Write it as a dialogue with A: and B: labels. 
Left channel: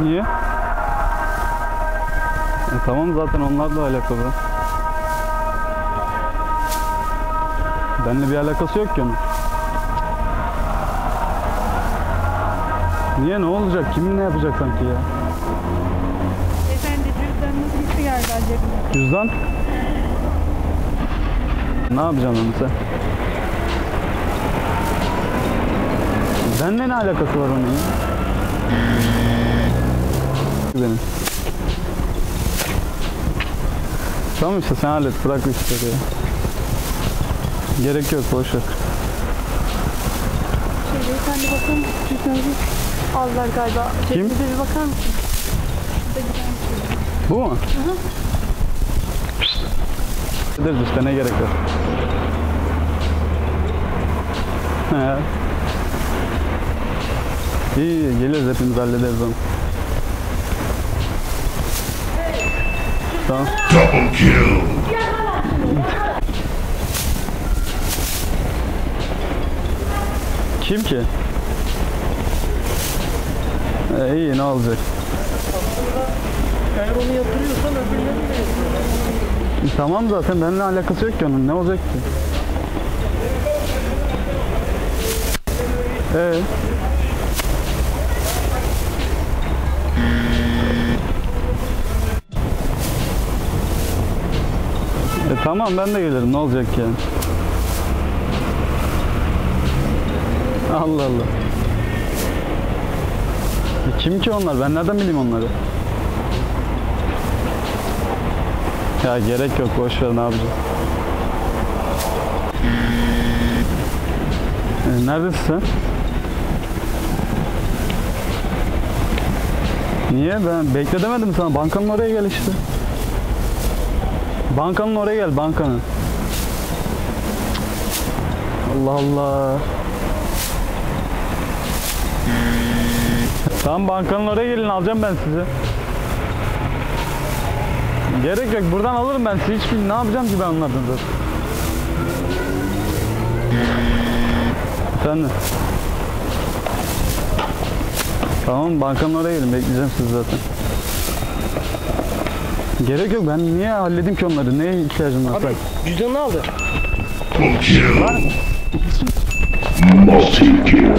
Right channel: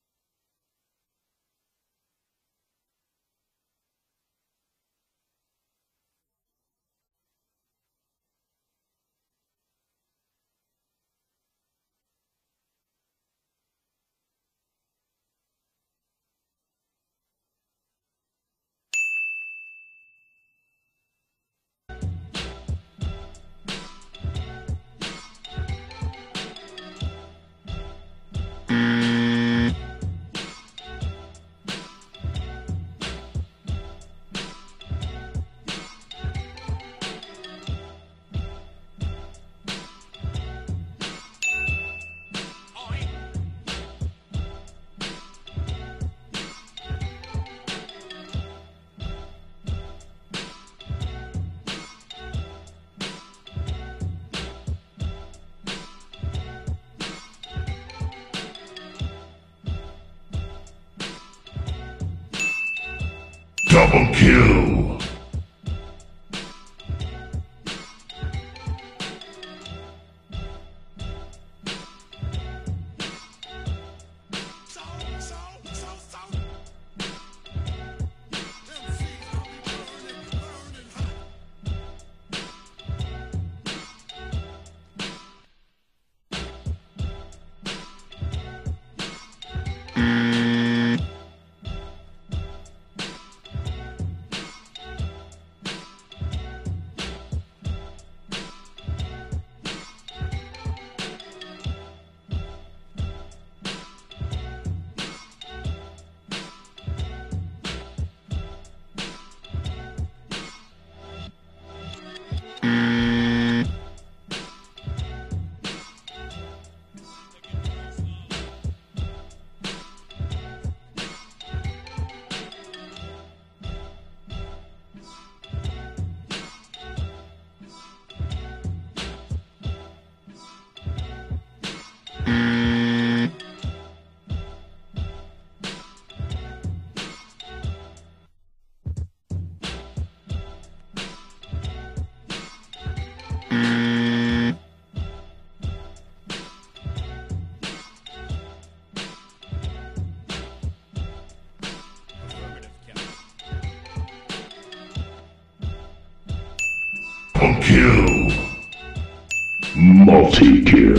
A: Niye? E, tamam zaten onlarla alakalı. Benimle bir alakası yok ki onun. Niye ne olacak? Kim ne yapacak sanki ya?
B: Beyefendi cüzdanınız gitti galiba cebine.
A: Cüzdan? Ne yapacaksın onu sen? Benimle ne alakası var onun ya? Benim. Tamam işte sen hallet bırak ya. Gerek yok boş ver.
B: Şey beyefendi bakın cüzdanınızı aldılar galiba.
A: Kim?
B: Cebinize bir bakar mısın?
A: Bu mu? Gideriz işte ne gerek var. He. İyi iyi, geliriz hepimiz hallederiz onu. Tamam.
C: Double kill.
A: Kim ki? E, iyi ne olacak?
D: Eğer onu yatırıyorsan öbürleri de
A: E, tamam zaten benimle alakası yok ki onun ne olacak ki? Ee? Tamam ben de gelirim ne olacak yani? Allah Allah. Kim ki onlar? Ben nereden bileyim onları? Ya gerek yok boş ver ne yapacağız? E, neredesin sen? Niye? Ben bekle demedim sana. Bankanın oraya gel işte. Bankanın oraya gel, bankanın. Allah Allah. Tamam bankanın oraya gelin alacağım ben sizi. Gerek yok buradan alırım ben sizi hiç ne yapacağım ki ben onlardan zaten. Sen. Tamam bankanın oraya gelin bekleyeceğim sizi zaten. Gerek yok ben niye halledeyim ki onları neye ihtiyacım var?
D: Abi cüzdanını aldı.
C: Kill. Multi kill.